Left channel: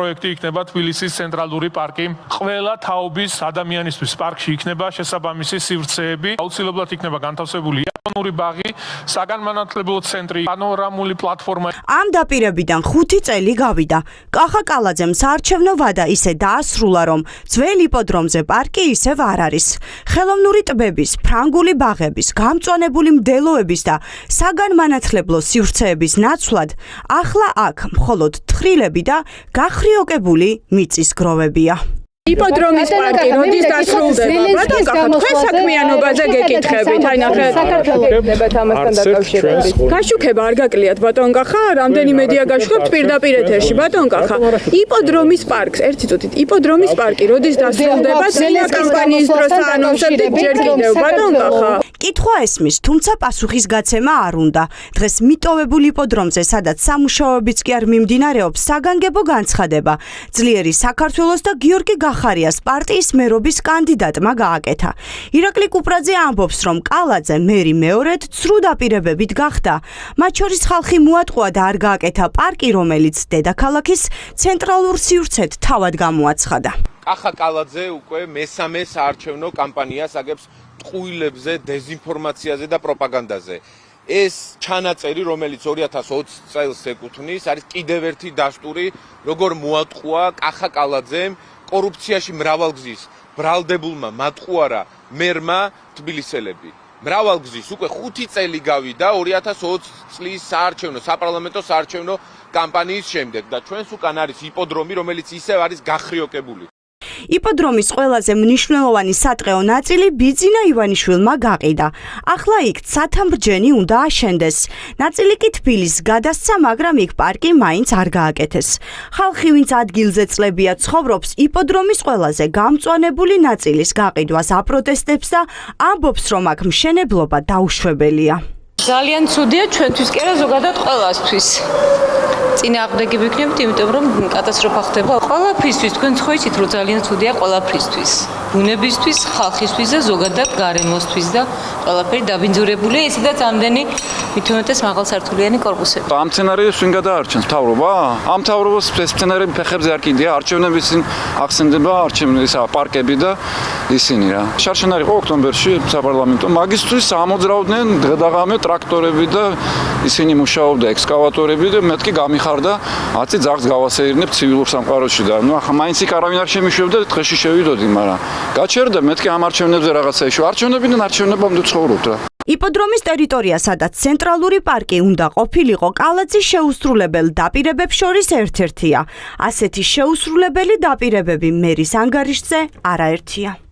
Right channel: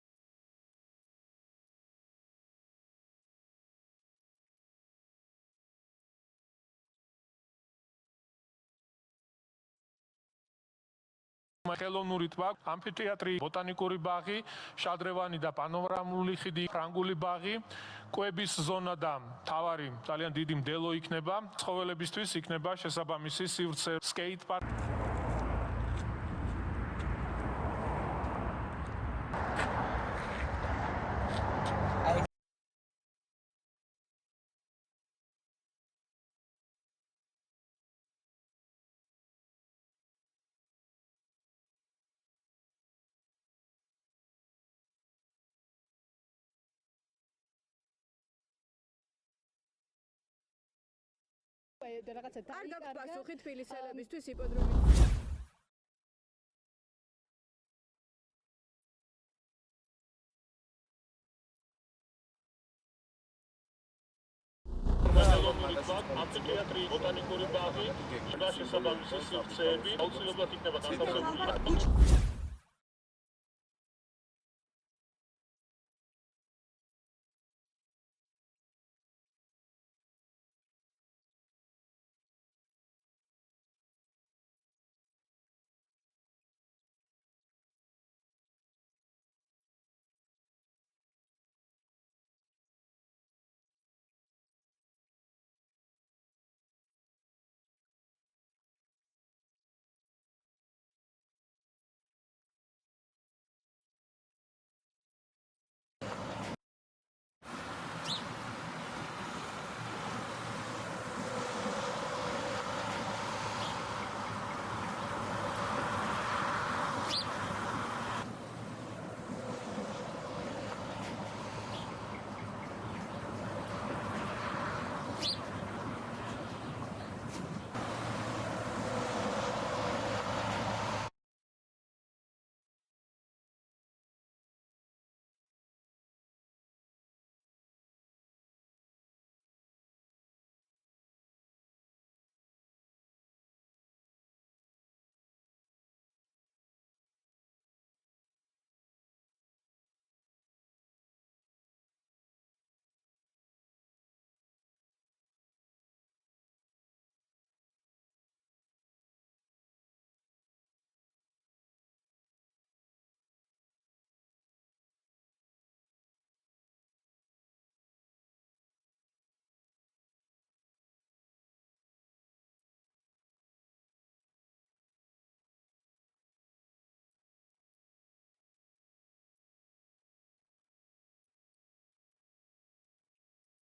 პროექტი იქნება თბილისის ცენტრალური პარკი. ყველა თაობის ადამიანისთვის პარკში იქნება შესაბამისი სივრცეები. აუცილებლად იქნება განთავსებული იაპონური ბაღი, საგანმანათლებლო ცენტრი, პანორამული პლატფორმა. ამ დაპირებიდან 5 წელი გავიდა. კახა კალაძემ საარჩევნო ვადა ისე დაასრულა, რომ ძველ იპოდრომზე პარკი ისევ არ არის. ხელოვნური ტბების, ფრანგული ბაღების, გამწვანებული მდელოების და საგანმანათლებლო სივრცეების ნაცვლად ახლა აქ მხოლოდ თხრილები და გახრიოკებული მიწის გროვებია. იპოდრომის პარკი როდის დასრულდება? ბატონ კახა, თქვენ საქმიანობაზე გეკითხებით, აი ნახეთ. საქართველოს ამასთან დაკავშირებით. გაშუქება არ გაკლიათ ბატონ კახა, რამდენი მედია გაშუქებთ პირდაპირ ეთერში ბატონ კახა. იპოდრომის პარკს, ერთი წუთით, იპოდრომის პარკი როდის დასრულდება? წინა კამპანიის დროს აანონსებდით ჯერ კიდევ ბატონ კახა. კითხვა ესმის, თუმცა პასუხის გაცემა არ უნდა. დღეს მიტოვებულ იპოდრომზე, სადაც სამუშაოებიც კი არ მიმდინარეობს, საგანგებო განცხადება. ძლიერი საქართველოს და გიორგი გახარიას პარტიის მერობის კანდიდატმა გააკეთა. ირაკლი კუპრაძე ამბობს, რომ კალაძე მერი მეორედ ცრუ დაპირებებით გახდა. მათ შორის ხალხი მოატყუა და არ გააკეთა პარკი, რომელიც დედაქალაქის ცენტრალურ სივრცედ თავად გამოაცხადა. კახა კალაძე უკვე მესამე საარჩევნო კამპანიას აგებს ტყუილებზე, დეზინფორმაციაზე და პროპაგანდაზე. ეს ჩანაწერი, რომელიც 2020 წელს ეკუთვნის, არის კიდევ ერთი დაშტური, როგორ მოატყუა კახა კალაძემ კორუფციაში მრავალგზის ბრალდებულმა მატყუარა მერმა თბილისელები. მრავალგზის უკვე 5 წელი გავიდა 2020 წლის საპარლამენტო საარჩევნო კამპანიის შემდეგ და ჩვენს უკან არის იპოდრომი, რომელიც ისევ არის გახრიოკებული. იპოდრომის ყველაზე მნიშვნელოვანი სატყეო ნაწილი ბიძინა ივანიშვილმა გაყიდა. ახლა იქ ცათამბჯენი უნდა აშენდეს. ნაწილი კი თბილისს გადასცა, მაგრამ იქ პარკი მაინც არ გააკეთეს. ხალხი, ვინც ადგილზე წლებია ცხოვრობს, იპოდრომის ყველაზე გამწვანებული ნაწილის გაყიდვას აპროტესტებს და ამბობს, რომ აქ მშენებლობა დაუშვებელია. ძალიან ცუდია ჩვენთვის კი არა, ზოგადად ყველასთვის. წინააღმდეგი ვიქნებით, იმიტომ რომ კატასტროფა ხდება ყველაფრისთვის. თქვენ ხო იცით, რომ ძალიან ცუდია ყველაფრისთვის. ბუნებისთვის, ხალხისთვის და ზოგადად გარემოსთვის და ყველაფერი დაბინძურებულია, ისედაც ამდენი მithumetes მაღალსართულიანი კორპუსები. ამ სცენარიებს ვინ გადაარჩენს მთავრობა? ამ მთავრობას ეს სცენარები ფეხებზე არ კიდია, არჩევნების წინ ახსენდება პარკები და ისინი რა. შარშან არის ხო ოქტომბერში საპარლამენტო, მაგისთვის ამოძრავდნენ დღე-დაღამე ტრაქტორები და ისინი მუშაობდა ექსკავატორები და მეთქი გამიხარდა 10 ძაღლს გავასეირნებ ცივილურ სამყაროში და ნუ ახლა მაინც იქ არავინ არ შემიშვებდა დღეში შევიდოდი, მაგრამ გაჩერდა მეთქი ამ არჩევნებზე რაღაცა ეშო. არჩევნებიდან არჩევნებამდე ცხოვრობთ რა. იპოდრომის ტერიტორია, სადაც ცენტრალური პარკი უნდა ყოფილიყო, კალაძის შეუსრულებელ დაპირებებს შორის ერთ-ერთია. ასეთი შეუსრულებელი დაპირებები მერის ანგარიშზე არაერთია.